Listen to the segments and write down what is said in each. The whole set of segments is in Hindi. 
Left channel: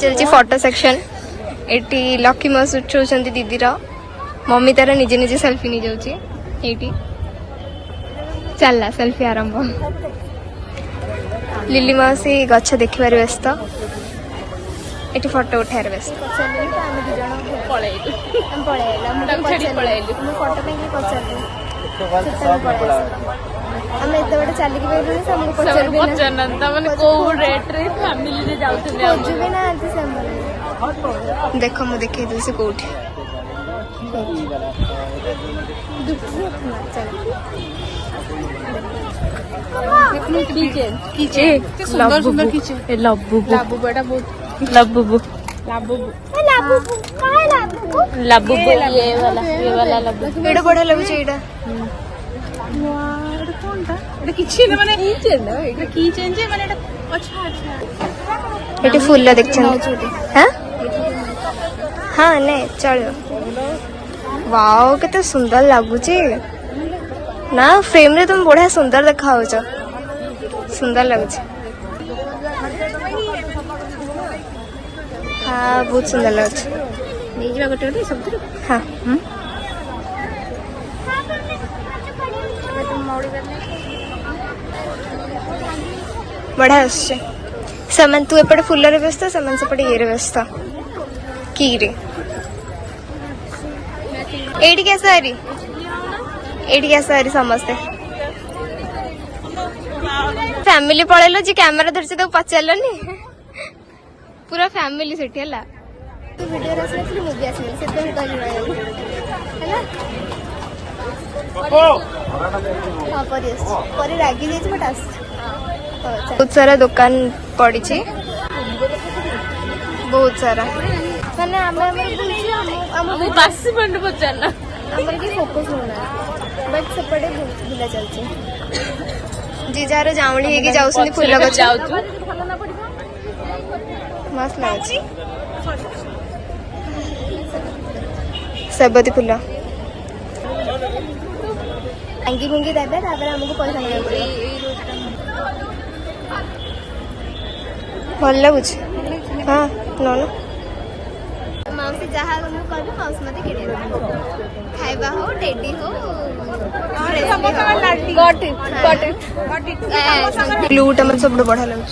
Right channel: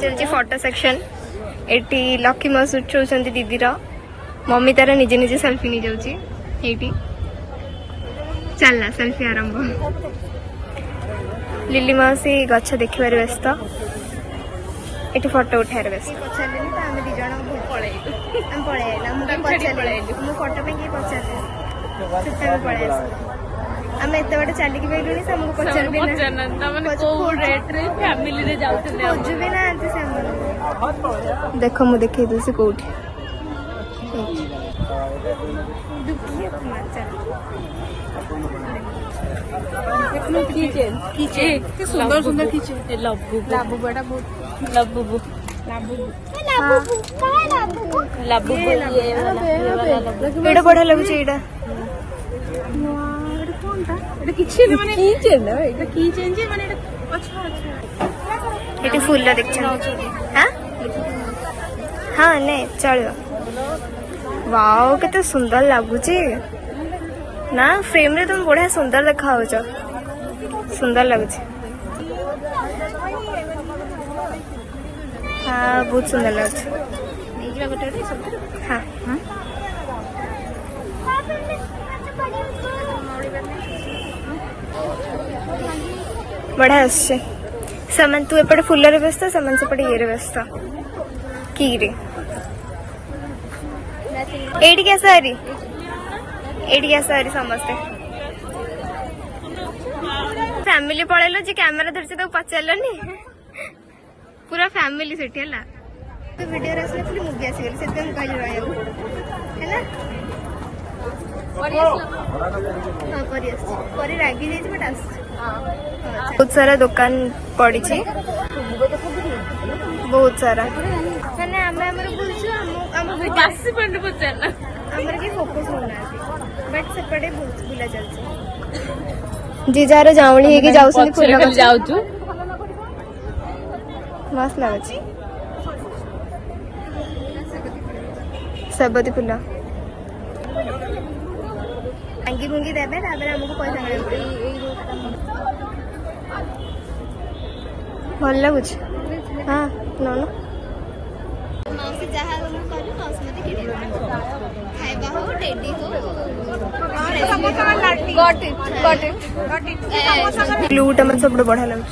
चलती फोटो सेक्शन एटी लकी मस उठाउछन्ती दीदीर मम्मी तार निजे निजे सेल्फी नहीं जाउची एटी चलला सेल्फी आरंभ लिली मासी गछ देखिबार व्यस्त एटी फोटो उठार व्यस्त पचारे तो आम दी जन पलैला मुझे पचारे मो फोटो पे पचारे से पलैस आम एत बड़े चलिकी गलुनी से आमको पचार खोजु ना देख मु देखे दूसरी कौटी एटा बढ़िया लगुच एटा फुल देखते हाँ नहीं चलो वाओ केते सुंदर लगुच ना फ्रेम रे तुम बढ़िया सुंदर देखा सुंदर लगुच हाँ बहुत सुंदर लगुच हाँ बढ़िया आसছে समान तू एपटे फुलरे व्यस्त समान सेपटे ये व्यस्त की रे एटी कैसे आ रही समस्ते फैमिली पळेलो जी कैमरा धरছে तो पचारलनी पूरा फैमिली सेठी हला तो वीडियो रसले फिर मूवी आसी गेली सेते मुका जी रहयो हैला हाँ परी रागी जाइछ बट आस बहुत सारा दुकान पड़ी बहुत सारा माने आमे हमर बुझी हम पार्टिसिपेंट पचारना हमर के फोकस होना बट सेपटे बुला चलची जी जार जावणी हेगी जाउसनी फुल गछ मस्त लागछ सबती फुल अंगी गुंगी देबे तापर हमको पैसा ना भल लगुच हाँ न मौसी जहाँ मु कहलु मौसी मते किने खाइबा हो टेडी हो ब्लूटा मत सब बढ़िया लगुच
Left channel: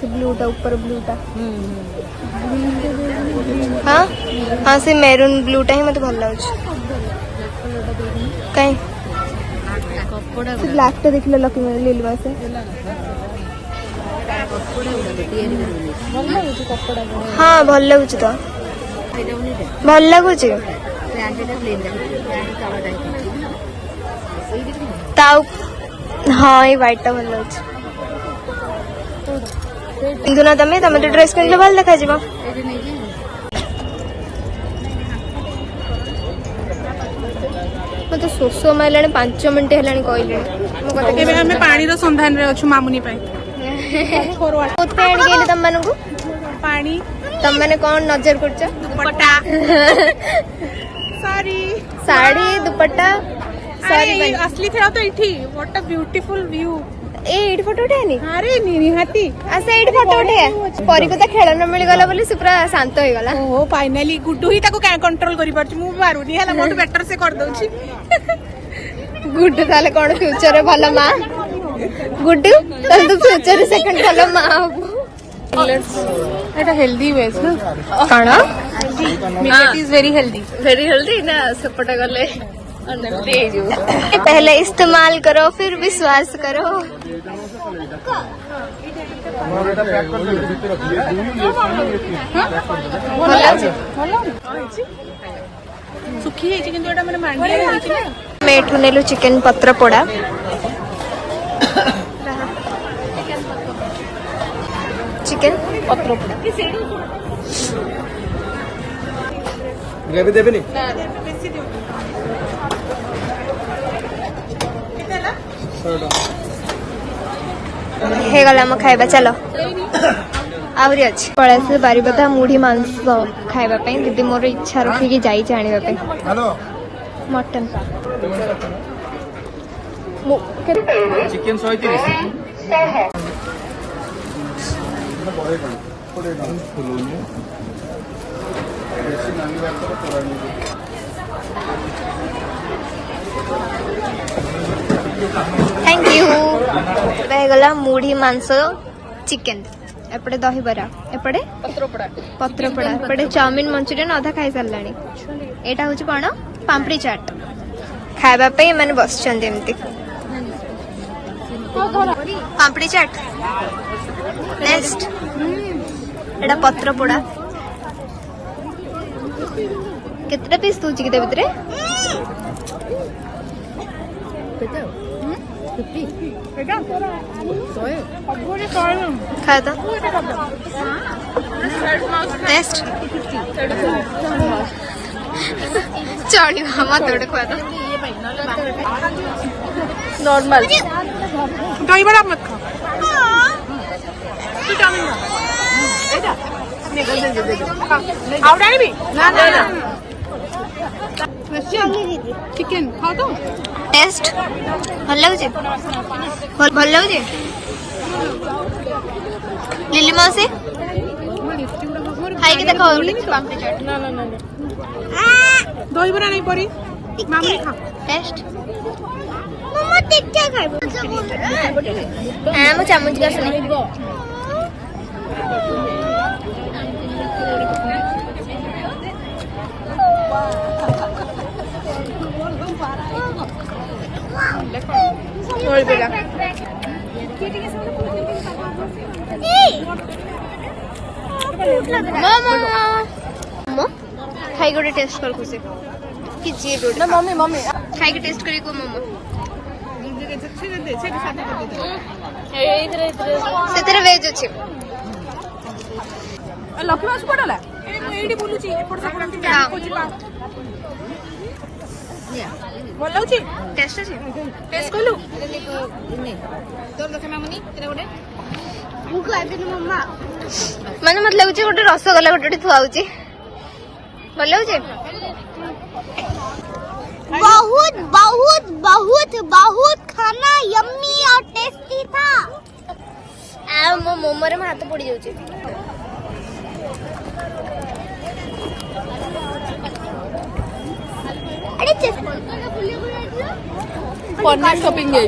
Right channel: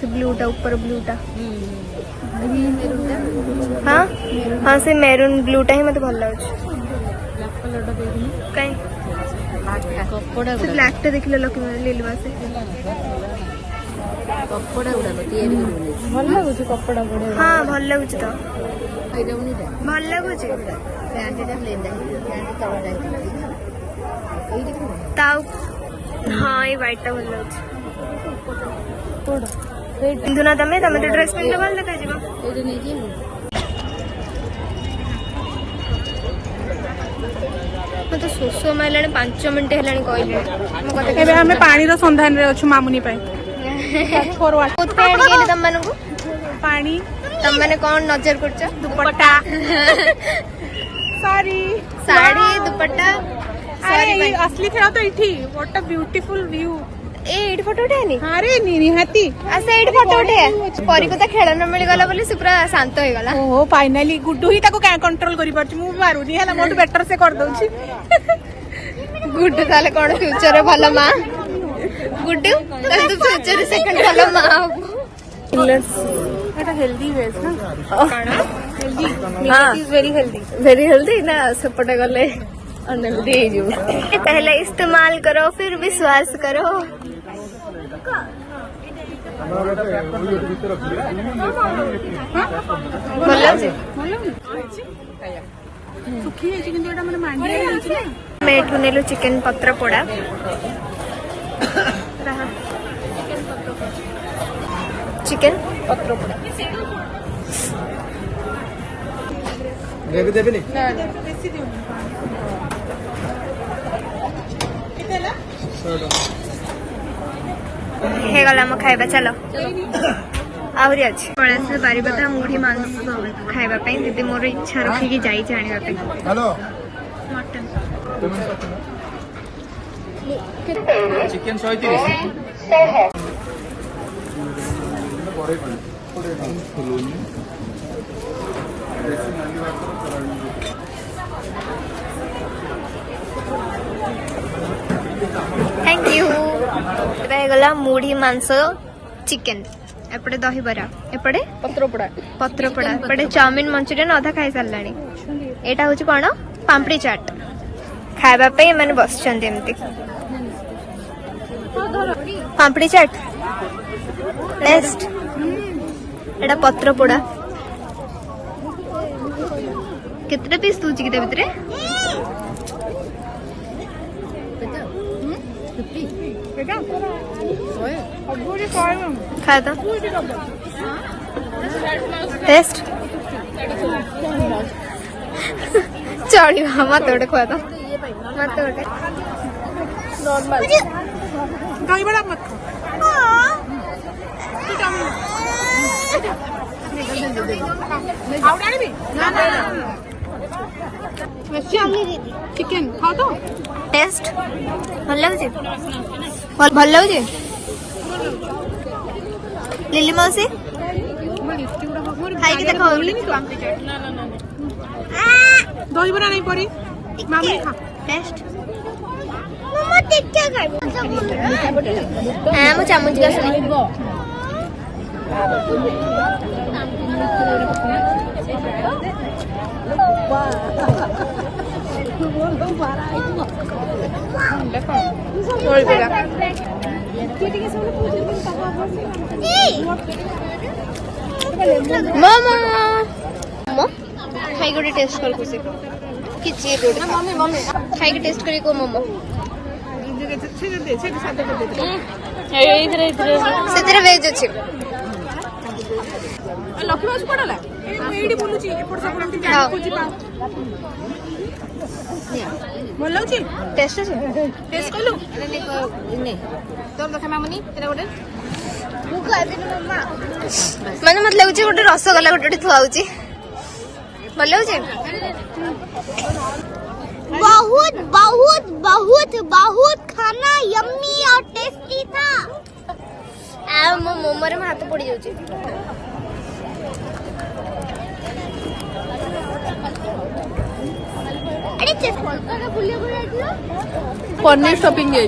से ब्लूटा ऊपर ब्लूटा हाँ हाँ से मेरून ब्लूटा ही मते भल लगुच काई कपड़ा ब्लैक टा देखले लकी लीलवा से हाँ भल लगुच तो भल लगुच हाँ ये व्हाइट टा भल लगुच पिंधु ना तमे तमे तो ड्रेस पिंधले भल देखा जिवो तो शोष मारे 5 मिनट है कहले हमें पानी रो संधान रे अछि मामुनी पाई तम मानू पानी तम माने कौन नजर करछ दुपट्टा साड़ी दुपट्टा सारी असली खेला तो इठी व्हाट अ ब्यूटीफुल व्यू एड फोटो उठानी अरे निहाती अच्छा एड फोटो उठे परी को तो खेलना मिल गला बोली से पूरा शांत हो गला ओ फाइनली गुड्डू ही ताको कंट्रोल करि परछ मु मारुनी हला मोटू बेटर से कर दउची गुड्डू ताले कोन फ्यूचर रे भलो मां गुड्डू तू फ्यूचर से कोन भलो मां एटा हेल्दी वेज काना healthy make is very healthy ना सपटा गले पहले इस्तेमाल करो फिर विश्वास करो मैं नेलु चिकेन पत्र पोड़ा चिकेन पत्र ग्रेवी देबे नी हे गला म खाइबा चलो आहरी अछि पळास बारीबता मुढ़ी मांस खाइबा पई दीदी मोर इच्छा रखी कि जाई जानिबा पई hello mutton chicken 130 thank you गला मुढ़ी मांस चिकेन एपटे दही बरा एपटे पत्रपोड़ा एपटे चाउमिन मंचूरियन अधा खाई सारा एटा हूँ कौन पापड़ी चाट खावा पे मैंने बस पापड़ी चाट टेस्ट एटा पत्रपोड़ा केतटा पीस दूची कि भितर खा तो टेस्ट चढ़ी मत गोटे खुआ तो नॉर्मल दही बड़ा मत चिकेन खाओ तो टेस्ट भल लगुच भल लगुच लिली मौसी खाई देख पापड़ी चाट दही बड़ा नहीं पड़ी मामूली खा टेस्ट हाँ मो चामच का सुने और बेटा मोमो मोमो खाई गोटे टेस्ट कर खुशी किसी गोटे मम्मी मम्मी खाई के टेस्ट करी को मोमो ସେଥିରେ ଭେଜ ଅଛି ଭଲ ଲାଗୁଛି ଟେଷ୍ଟ ଅଛି ଟେଷ୍ଟ କଲୁ ତୋର ଦେଖା ମାମୁନି ଏଟା ଗୋଟେ ମାନେ ମତେ ଲାଗୁଛି ଗୋଟେ ରସଗୋଲା ଗୋଟେ ଥୁଆ ହଉଛି ଭଲ ଲାଗୁଛି बहुत बहुत बहुत बहुत खाना यम्मी और टेस्टी था मो मोमो रे हाथ पड़ जाउछे पनीर शॉपिंग है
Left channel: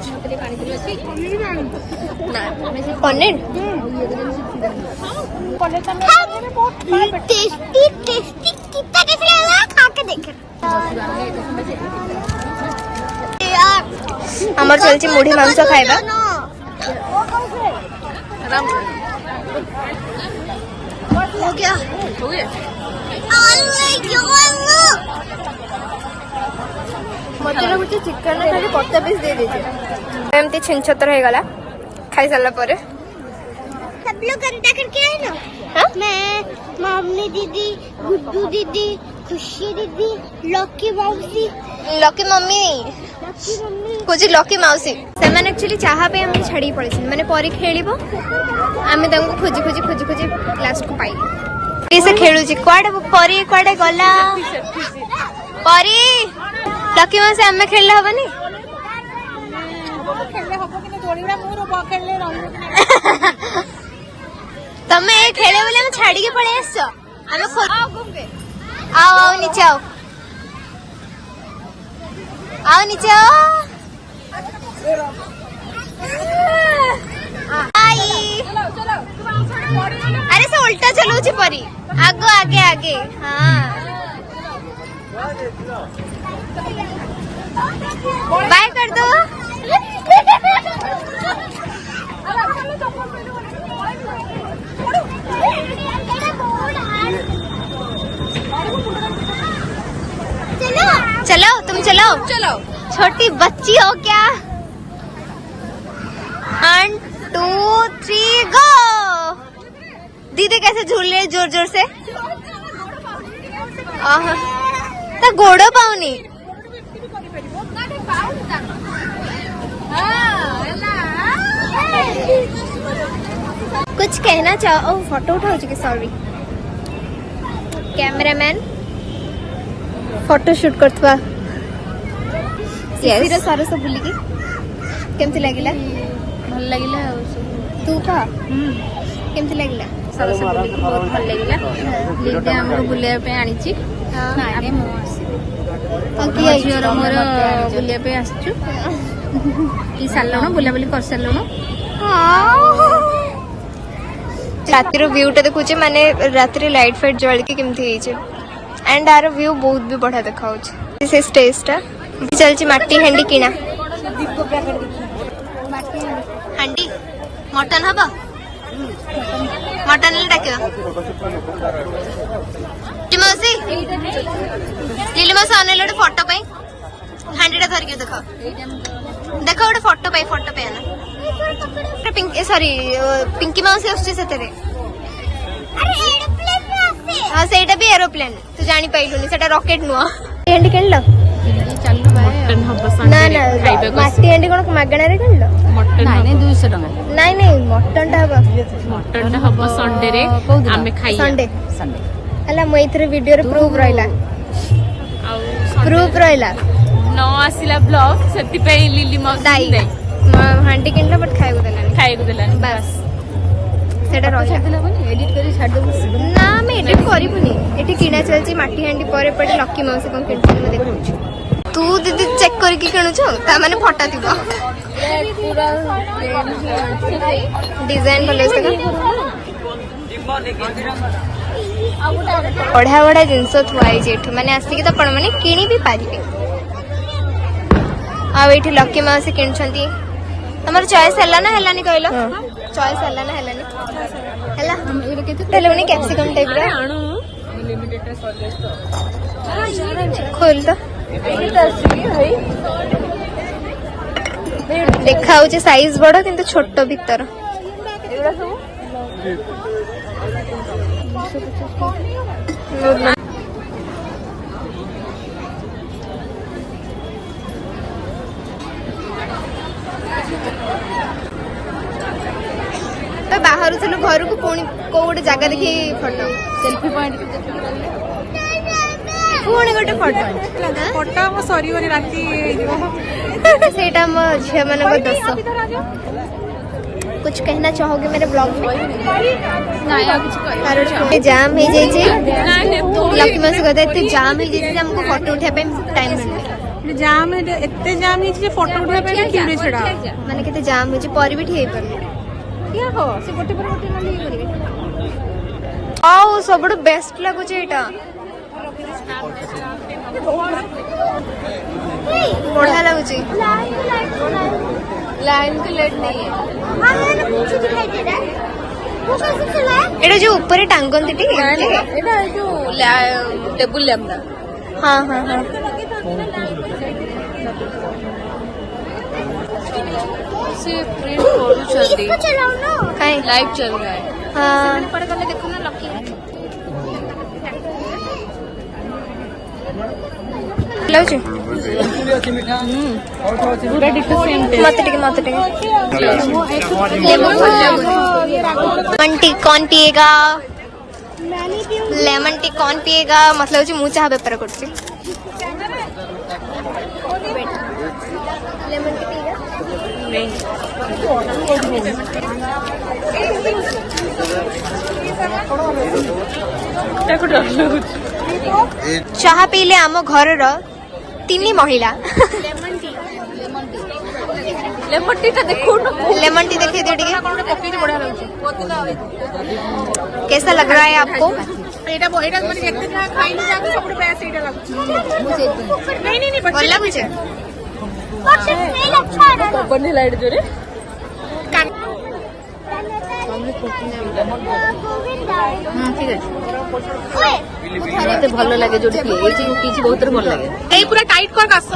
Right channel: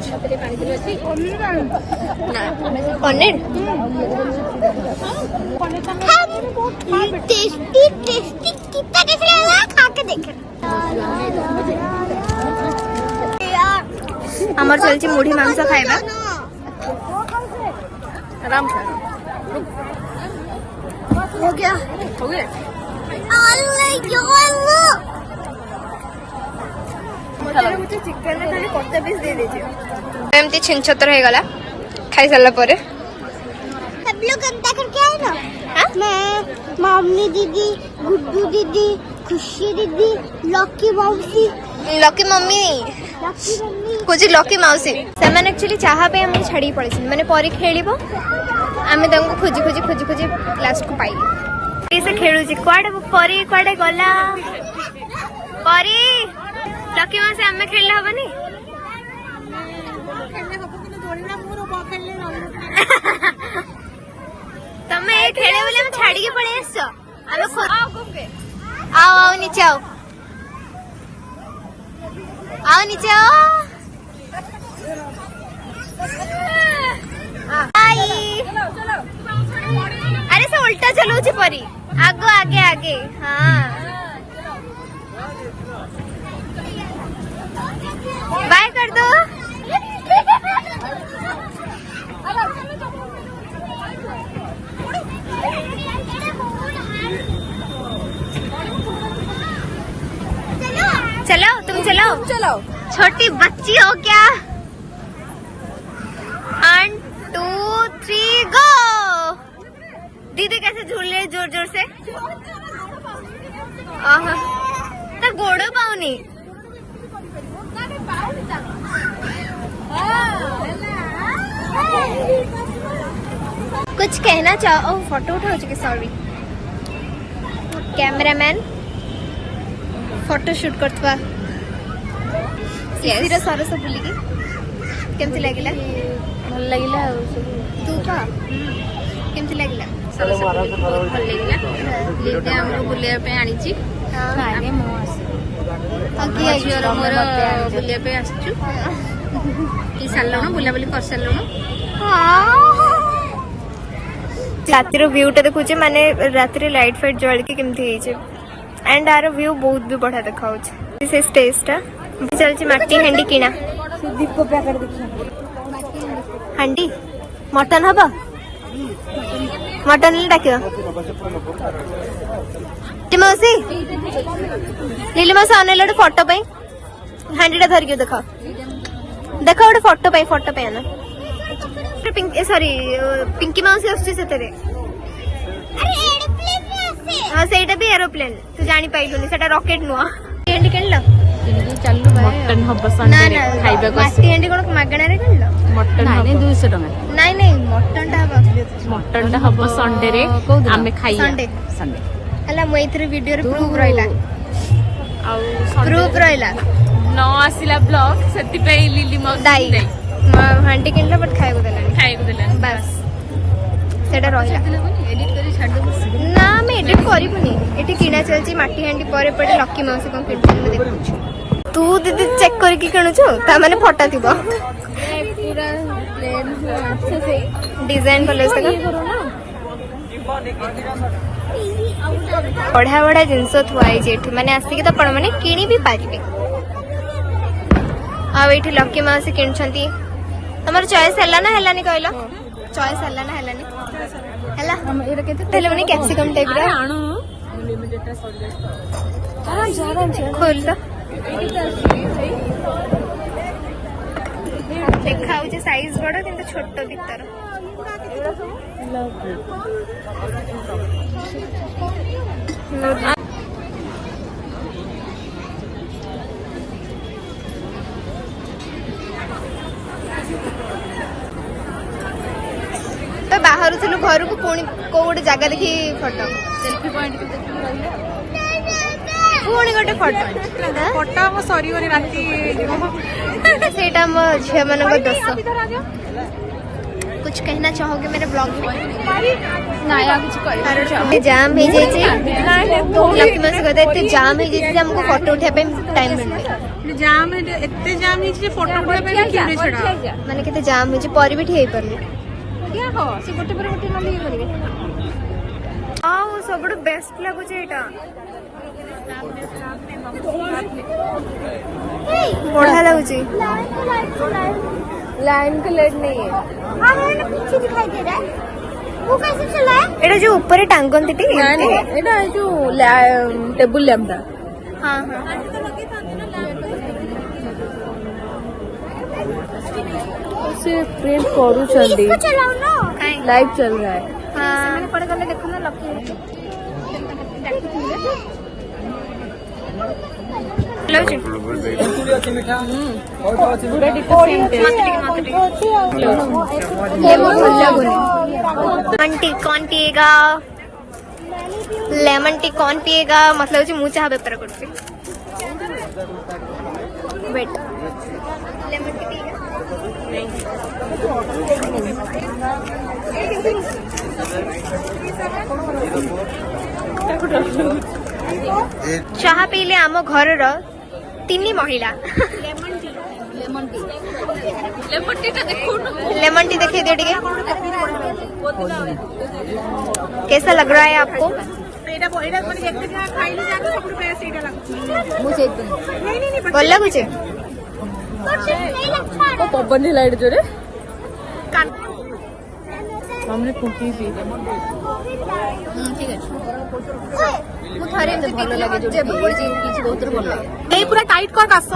ना पनीर टेस्टी टेस्टी कितना टेस्टी लगा खा के देखे আমার চলছে মুড়ি মাংস খাইবা মতে লাগুছে চিকেন খালি কত পিস দিয়ে দিয়েছে এমতি छिन-छतर হয়ে গলা খাই সারলা পরে सब लोग अंता करके आए ना मैं मम्मी दीदी गुड्डू दीदी खुशी दीदी लकी मौसी लकी मम्मी खोजी लकी मौसी से एक्चुअली चाहा पे हम छाड़ी पड़े मैंने परी खेलिबो आमे तंको खोजी खोजी खोजी खोजी लास्ट को पाइली से खेलु छी क्वाडे परी क्वाडे गला परी लकी मौसी आमे खेलले हबनी खेलले हबो कि दोड़ीरा मोर बा खेलले रहू तमे खेले वाले हम छाड़ी के पड़े आसो आमे आओ आओ नीचे आओ आओ नीचे आओ आई अरे से उल्टा चलो परी आगो आगे आगे हाँ बाय कर दो चलो तुम चलो चलो छोटी बच्ची हो क्या 1 2 3 गो दीदी कैसे झूल रहे जोर जोर से तो गोड़ो पाऊनी कुछ कहना चाहो फोटो उठाओ चुके सॉरी कैमरामैन फोटो शूट करथवा सरस बुलिकी केमती लागिला भल लगिला सब तू कह केमती लागिला भल लगिला लिंके हमको बुलिया पे आनिची नाइ ने मो आसी बुलिया पे आसछु ई सालनो बुला बुली कर सालनो रातिर व्यूटा देखुचे माने रातिर लाइट फाइट जल के केमती होइचे एंड आर व्यू बहुत भी बढ़िया देखा से स्टेजटा चलची माटी हांडी किना हांडी मटन हबा मटन ले डाकियो मौसी लीली मौसी आने लड़े फोटो पे हांडीटा धरियो देखा देखा गोटे फोटो पे आना पिंकी सॉरी पिंकी मौसी आछी सेतरे हाँ सेटा भी एरोप्लेन तू जानी पाइलुनी सेटा रॉकेट नुआ हांडी किनलो चलु भाई मटन हब संडे रे खाइबा को माटी हांडी कोन मागणा रे किनलो मटन नाइ 200 टका नहीं मटन टा हबा संडे रे आमे खाइया संडे हला मु एथरे वीडियो रे प्रूफ रहला आउ प्रूफ रहला न आसिला ब्लॉग सती पे लिली मौसी दाई हांडी किनला बट खाइ को देलानी बस सेटा रहला एडिट करी छाड़ देबो ना मैं एडिट करिबुनी एठी किना चलची माटी हांडी परे पटे लकी माउसी पण किनछि मैं देखौछु तू दीदी चेक करके किणुछु ता माने फटा थिबो पूरा प्लेन ही अछि डिजाइन भले का बढ़िया बढ़िया जिनस थुआई जेठी माने आसिक तो आपण माने किनी भी पारिबे आ एठी लकी माउसी किनछंती तमर चॉइस हल्ला ना हल्लानी कहलो चॉइस हल्ला ना हल्लानी हल्ला हेलोनी कैप्सिकम टाइप रा खोल तो देखा होचे साइज बड़ किंतु छोट भीतर बाहर थिलु घर को पुणी को गोटे जगह देखी फोटो सेल्फी पॉइंट पुणी गोटे फोटो फोटो मो सरी बनी राती सेटा मो झिया मानक दोष कुछ कहना चाहोगे मेरे ब्लॉग में नाया कुछ कर जाम हो जाए लकी मास कहते इतने जाम हो जाए हमको फोटो उठा टाइम मिलने जाम एते जाम है फोटो उठा पे क्यों छड़ा माने केते जाम हो पर भी ठीक कर आओ सबडू बेस्ट लागुचे एटा बढ़िया लगुचे लाइन के लाइट नहीं है एटा जो ऊपर टांगन टी एटा जो टेबल लैंप हाँ हाँ हाँ से प्रिंट करू चल काई लाइव चल रहा है हाँ लौचे मत ये मुझे भल लगुन लेमन टी कौन पिएगा लेमन टी कौन पिएगा मतलब मुँह चाह बेपार कर लेमन टी पिएगा चाह पीले आम घर तीन महिला लेमन टी देखिए दे टिके कैसा लग रहा है आपको बोल मुझे लाइट जो रे ठीक है ଭଲ ଲାଗେ ଯୋଉଠି କିଛି ବହୁତ ଭଲ ଲାଗେ ଏଇ ପୁରା ଟାଇଟ୍ କରି କାଶ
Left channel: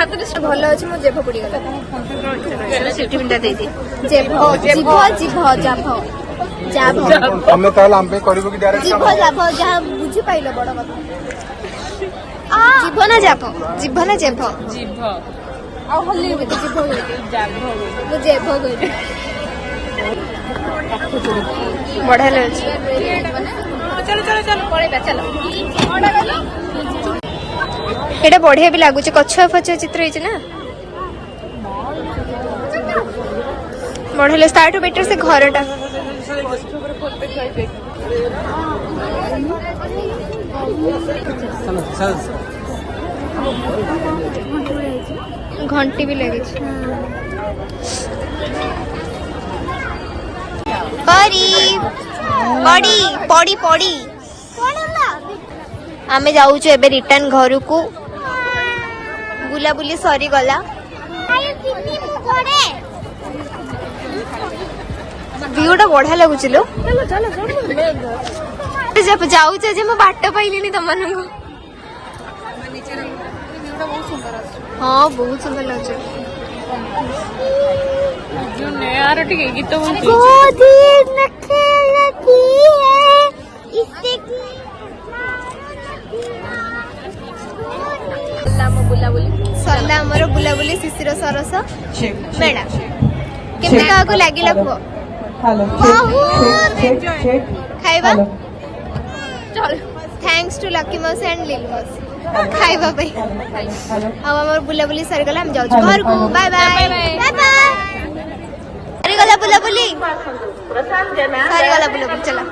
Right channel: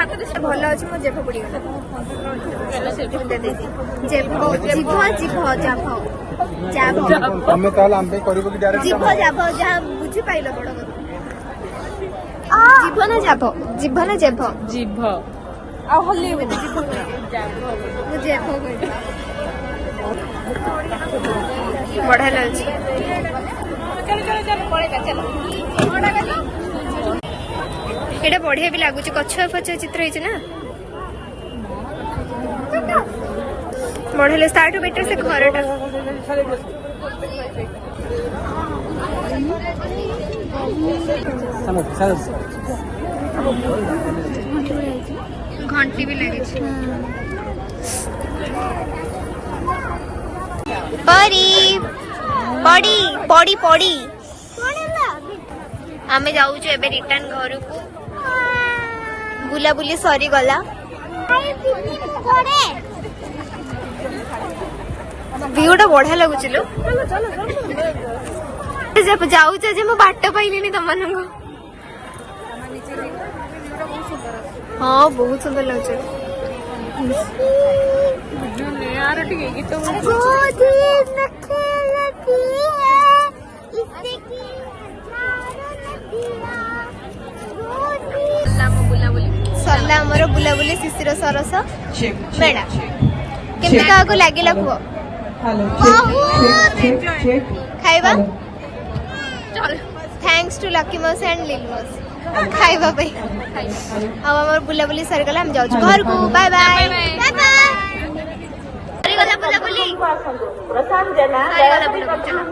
ହାତରେ ଭଲ ଅଛି ମୁଁ ଜେଭ ପଡିଗଲା ସିଟି ମିଟା ଦେଇଛି ଜେଭ ଆମେ ତାହେଲେ ଆମେ କରିବୁ କି ଡାଇରେକ୍ଟ ଜିଭ ଜାଭ ଯାହା ବୁଝି ପାଇଲ ବଡ କଥା ଜିଭ ନା ଜାଭ ଜିଭ ନା ଜେଭ ଜିଭ ମୁଁ ଜେଭ କହିବି बढ़िया लगे एटा बढ़िया भी लगुच कछुआ फछुआ चित्र है ना बढ़िया स्टार्ट बेटर से घरटा घंटी भी लगी पड़ी पड़ी पड़ी पड़ी आमे जाऊछु एबे रिटर्न घर को बुला बुली सरी गला व्यूटा बढ़िया लगुच लो जाऊँ जे मैं बाट पाइली तुम हाँ बहुत सुंदर लगे सरला आमर बुलाबुली शिशिर सरस मेला केमती क्या लगिला कुह खाइबा चल थैंक्स टू लकी मौसी एंड लिलू मौसी खाइबा पे अब हमर बुलाबुली सरी गला हम जाऊ घर को बाय बाय सरी गला बुलाबुली चला